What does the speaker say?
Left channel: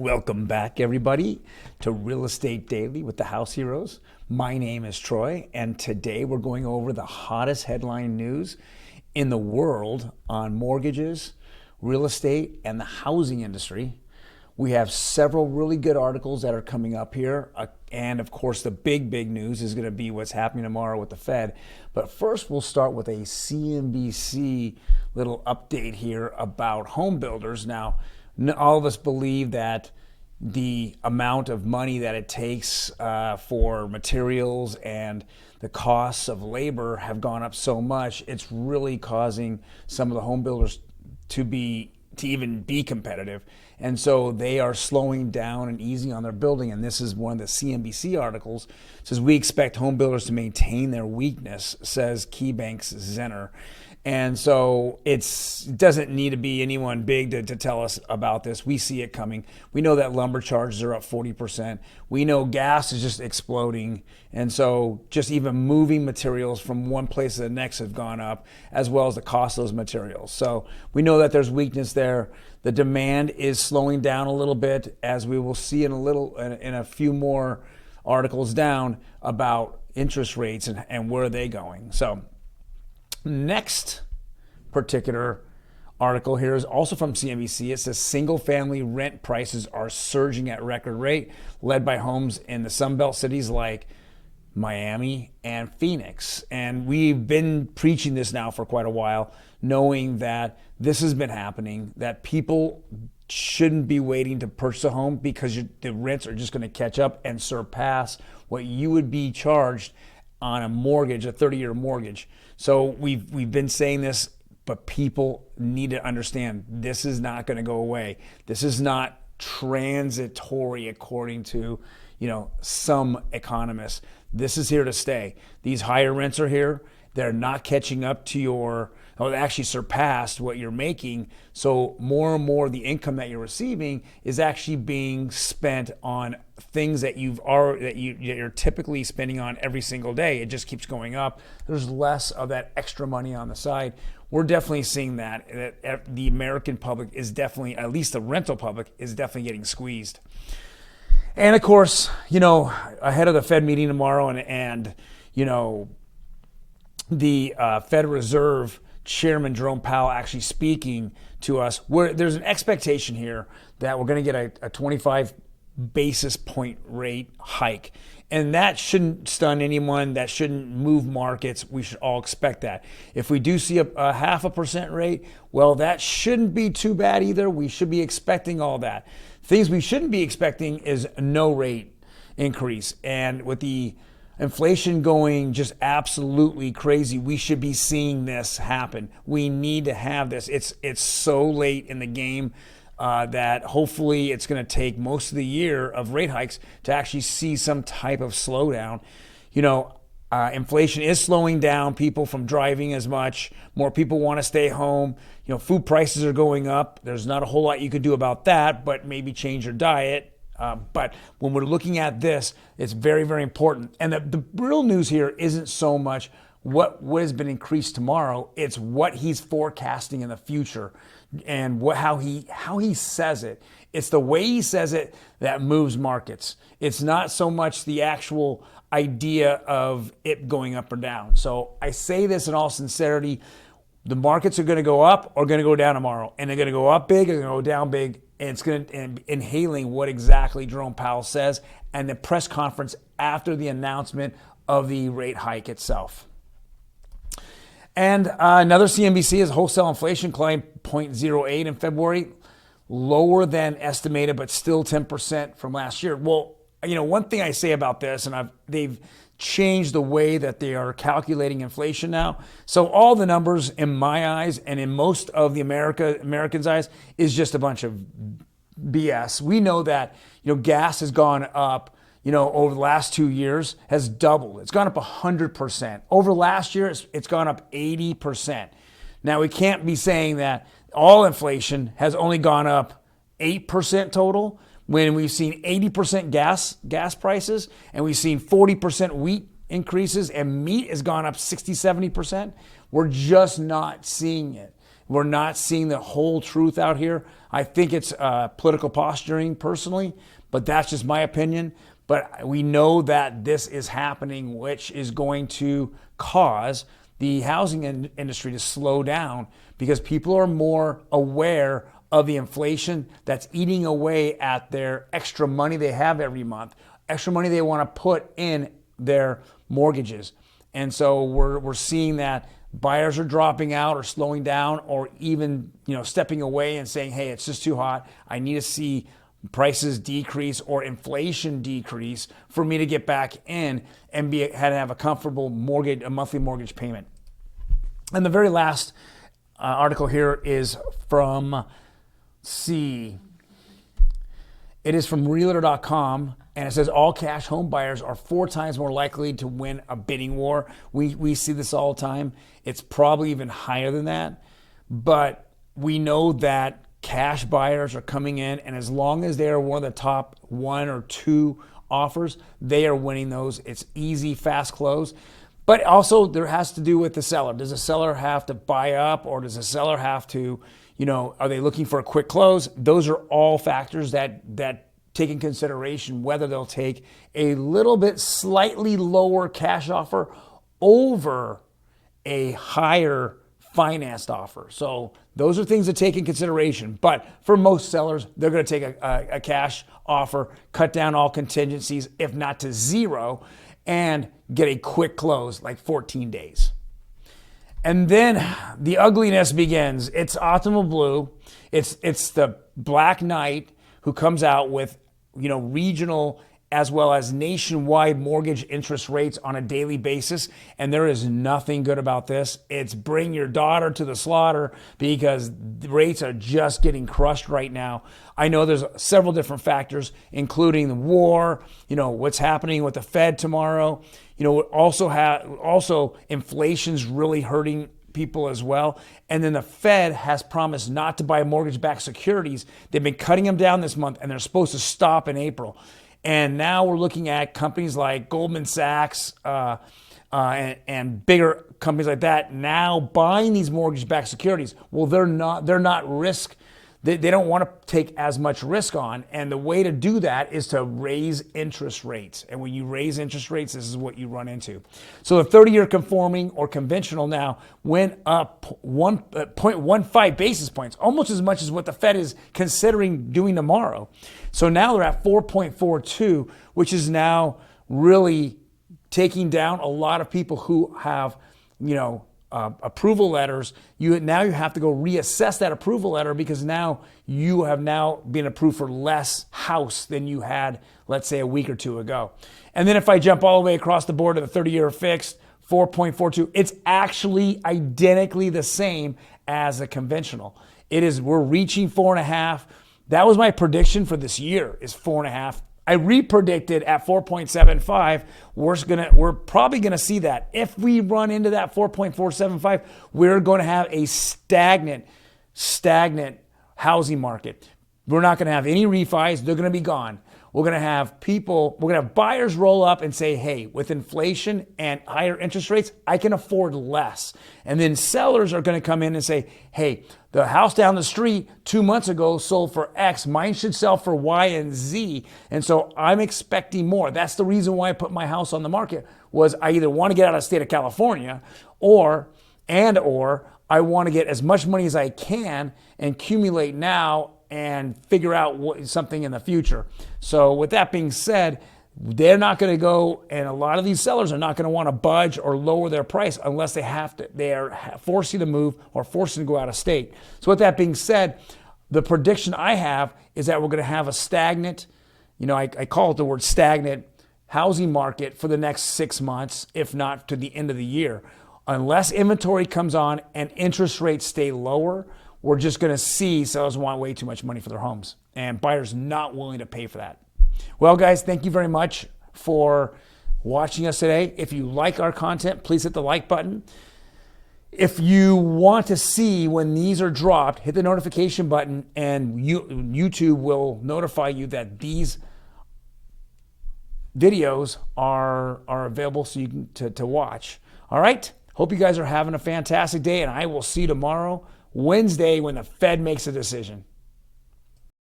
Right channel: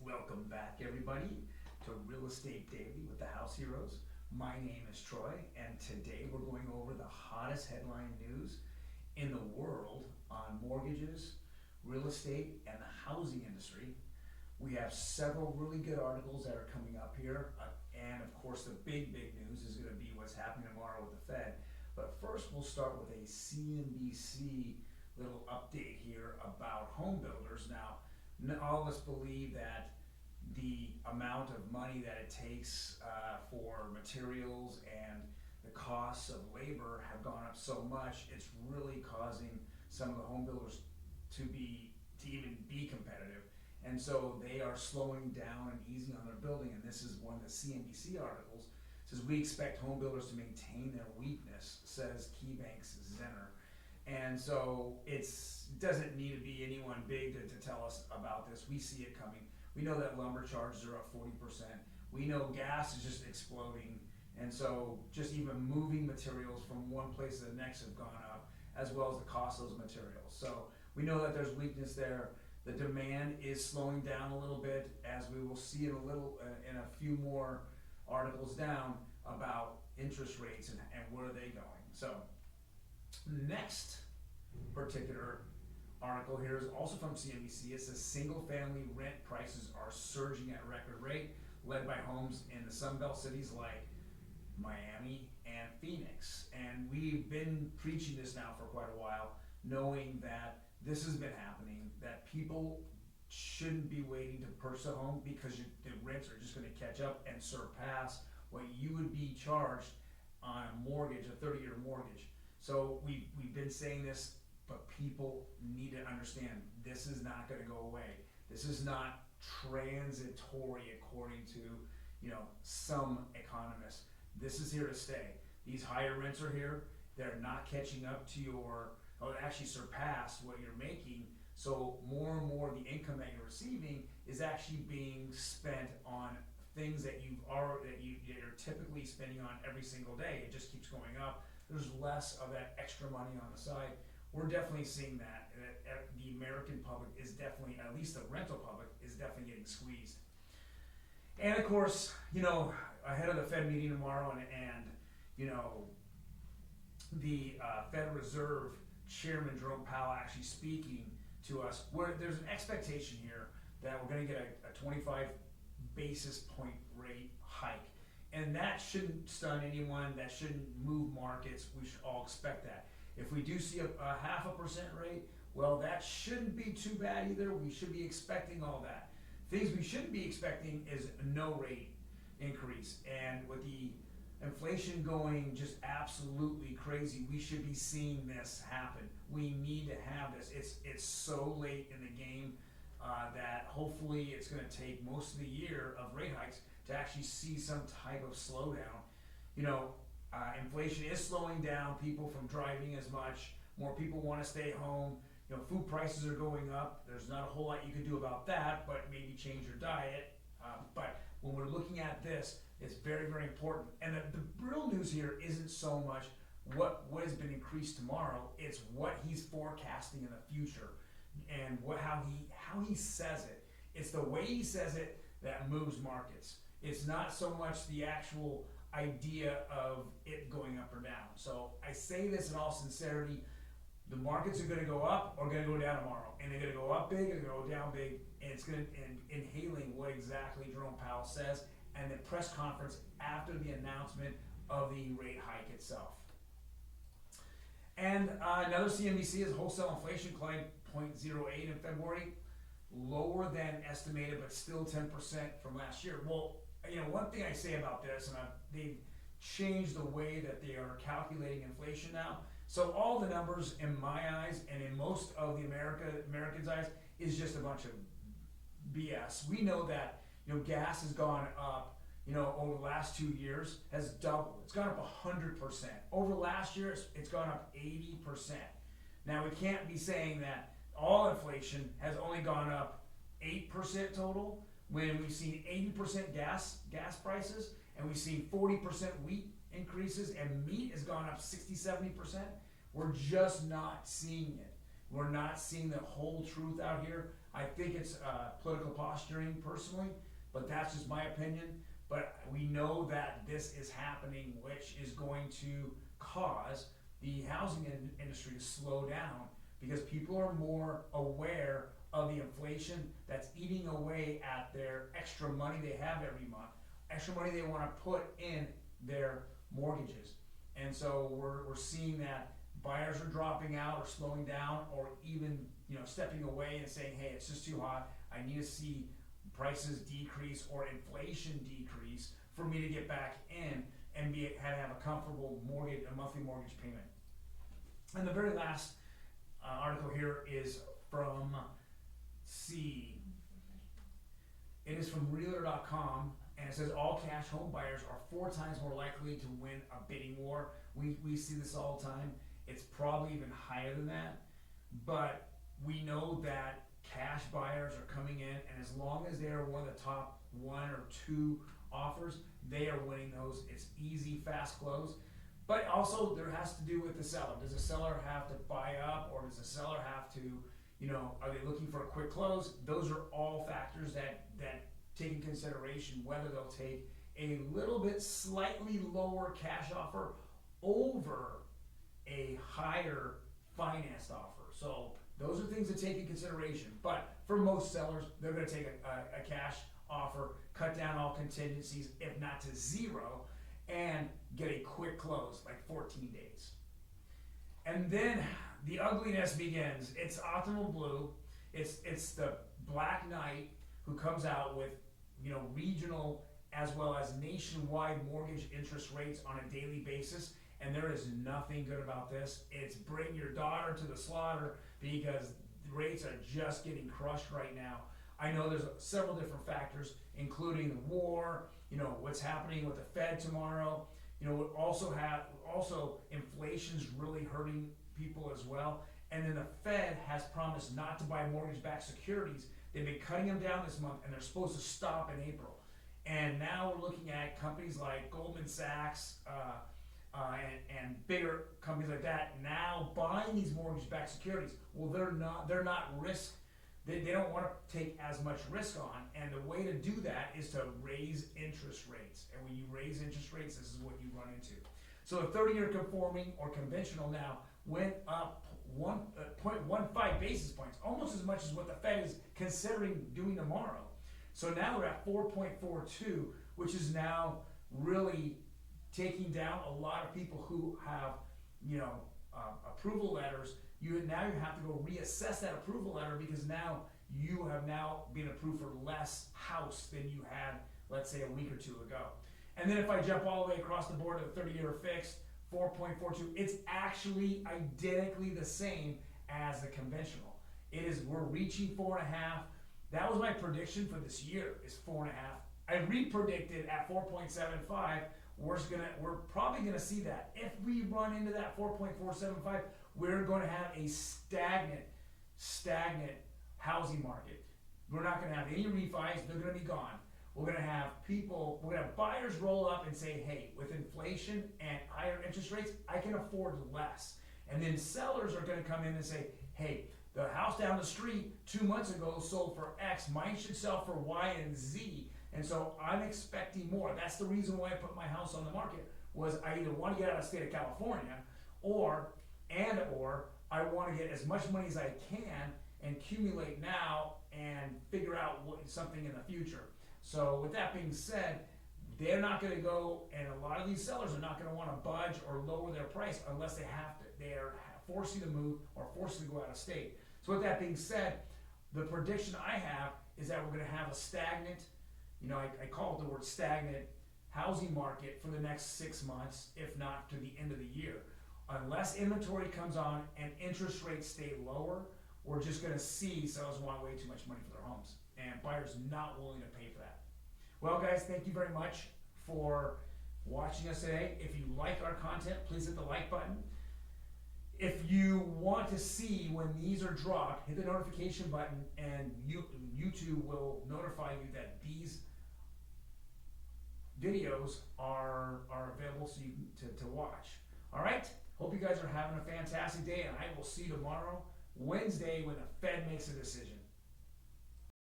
Welcome back, everybody, to Real Estate Daily with the House Heroes. My name is Troy, and today we're going over the hottest headline news in the world on mortgages, real estate, and the housing industry. We have several really good articles that are coming up here, and of course, the big news is going to be what's happening tomorrow with the Fed. But first, we'll start with a CNBC little update here about home builders. Now, all of us believe that the amount of money that it takes for materials and the costs of labor have gone up so much, it's really causing some of the home builders to even be competitive. And so they are slowing down and easing on their building. And this is one of the CNBC articles. It says, we expect home builders to maintain their weakness, says KeyBank's Zenner. And so it doesn't need to be anyone big to tell us about this. We see it coming. We know that lumber charges are up 40%. We know gas is just exploding. And so just even moving materials from one place to the next have gone up, as well as the cost of those materials. So we know that there's weakness there. The demand is slowing down a little bit, as we will see in a few more articles down about interest rates and where are they going. So next particular article here is also from CNBC. It says single-family rent prices are surging at record rate, led by homes in the Sunbelt cities like Miami and Phoenix. And we've been preaching this now for quite a while, knowing that this has been happening, that people shouldn't be waiting to purchase a home because the rents are just going to catch up and surpass what you would be charged on a mortgage, a 30-year mortgage. So we've been saying this, but people need to understand this is not going to go away. This is not transitory, according to some economists. This is here to stay. These higher rents are here. They're not catching up to they actually surpassed what you're making. So more and more the income that you're receiving is actually being spent on things that you're typically spending on every single day. It just keeps going up. There's less of that extra money on the side. We're definitely seeing that the American public is definitely, at least the rental public, is definitely getting squeezed. And of course, ahead of the Fed meeting tomorrow and the Federal Reserve Chairman Jerome Powell actually speaking to us, there's an expectation here that we're going to get a 25 basis point rate hike. And that shouldn't stun anyone. That shouldn't move markets. We should all expect that. If we do see a 0.5% rate, well, that shouldn't be too bad either. We should be expecting all that. Things we shouldn't be expecting is no rate increase. And with the inflation going just absolutely crazy, we should be seeing this happen. We need to have this. It's so late in the game that hopefully it's going to take most of the year of rate hikes to actually see some type of slowdown. Inflation is slowing down people from driving as much. More people want to stay home. Food prices are going up. There's not a whole lot you could do about that, but maybe change your diet. But when we're looking at this, it's very, very important. And the real news here isn't so much what has been increased tomorrow. It's what he's forecasting in the future and how he says it. It's the way he says it that moves markets. It's not so much the actual idea of it going up or down. So I say this in all sincerity. The markets are going to go up or going to go down tomorrow. And they're going to go up big or they're going to go down big. And it's going to inhaling what exactly Jerome Powell says and the press conference after the announcement of the rate hike itself. And another CNBC is wholesale inflation climbed 0.08 in February, lower than estimated, but still 10% from last year. Well, one thing I say about this, and they've changed the way that they are calculating inflation now. So all the numbers in my eyes and in most of the Americans' eyes is just a bunch of BS. We know that gas has gone up over the last 2 years, has doubled. It's gone up 100%. Over last year, it's gone up 80%. Now, we can't be saying that all inflation has only gone up 8% total when we've seen 80% gas prices and we've seen 40% wheat increases and meat has gone up 60, 70%. We're just not seeing it. We're not seeing the whole truth out here I think it's political posturing personally, but that's just my opinion. But we know that this is happening, which is going to cause the housing industry to slow down because people are more aware of the inflation that's eating away at their extra money they have every month, extra money they want to put in their mortgages. And so we're seeing that buyers are dropping out or slowing down or even stepping away and saying, hey, it's just too hot. I need to see prices decrease or inflation decrease for me to get back in and have a comfortable mortgage, a monthly mortgage payment. And the very last article here is from, it is from realtor.com, and it says all cash home buyers are 4 times more likely to win a bidding war. We see this all the time. It's probably even higher than that, but we know that cash buyers are coming in, and as long as they are one of the top 1 or 2 offers, they are winning those. It's easy, fast close. But also there has to do with the seller. Does the seller have to buy up, or does the seller have to, are they looking for a quick close? Those are all factors that take in consideration whether they'll take a little bit slightly lower cash offer over a higher financed offer. So those are things to take in consideration. But for most sellers, they're going to take a cash offer, cut down all contingencies, if not to 0, and get a quick close, like 14 days. And then the ugliness begins. It's Optimal Blue. It's the Black Knight who comes out with, regional as well as nationwide mortgage interest rates on a daily basis. And there is nothing good about this. It's bring your daughter to the slaughter because the rates are just getting crushed right now. I know there's several different factors, including the war, what's happening with the Fed tomorrow. Also inflation's really hurting people as well. And then the Fed has promised not to buy mortgage-backed securities. They've been cutting them down this month, and they're supposed to stop in April. And now we're looking at companies like Goldman Sachs and bigger companies like that now buying these mortgage-backed securities. Well, they're not risk. They don't want to take as much risk on. And the way to do that is to raise interest rates. And when you raise interest rates, this is what you run into. So the 30-year conforming or conventional now went up 0.15 basis points, almost as much as what the Fed is considering doing tomorrow. So now they're at 4.42, which is now really taking down a lot of people who have, approval letters. You have to go reassess that approval letter because now you have been approved for less house than you had, let's say, a week or 2 ago. And then if I jump all the way across the board to the 30-year fixed, 4.42, it's actually identically the same as a conventional. We're reaching 4.5. That was my prediction for this year, is 4.5. I repredicted at 4.75. We're probably going to see that. If we run into that 4.475, we're going to have a stagnant housing market. We're not going to have any refis. They're going to be gone. We're going to have buyers roll up and say, hey, with inflation and higher interest rates, I can afford less. And then sellers are going to come in and say, hey, the house down the street 2 months ago sold for X. Mine should sell for Y and Z. And so I'm expecting more. That's the reason why I put my house on the market, was I either want to get out of the state of California or I want to get as much money as I can and accumulate now and figure out something in the future. So with that being said, they're not going to go, and a lot of these sellers are not going to want to budge or lower their price unless they have to. They are forcing to move or forcing to go out of state. So with that being said, the prediction I have is that we're going to have a stagnant, I call it the word stagnant, housing market for the next 6 months, if not to the end of the year. Unless inventory comes on and interest rates stay lower, we're just going to see sellers want way too much money for their homes and buyers not willing to pay for that. Well, guys, thank you very much for watching us today. If you like our content, please hit the like button. If you want to see when these are dropped, hit the notification button and YouTube will notify you that these videos are available so you can to watch. All right? Hope you guys are having a fantastic day, and I will see you tomorrow, Wednesday, when the Fed makes a decision.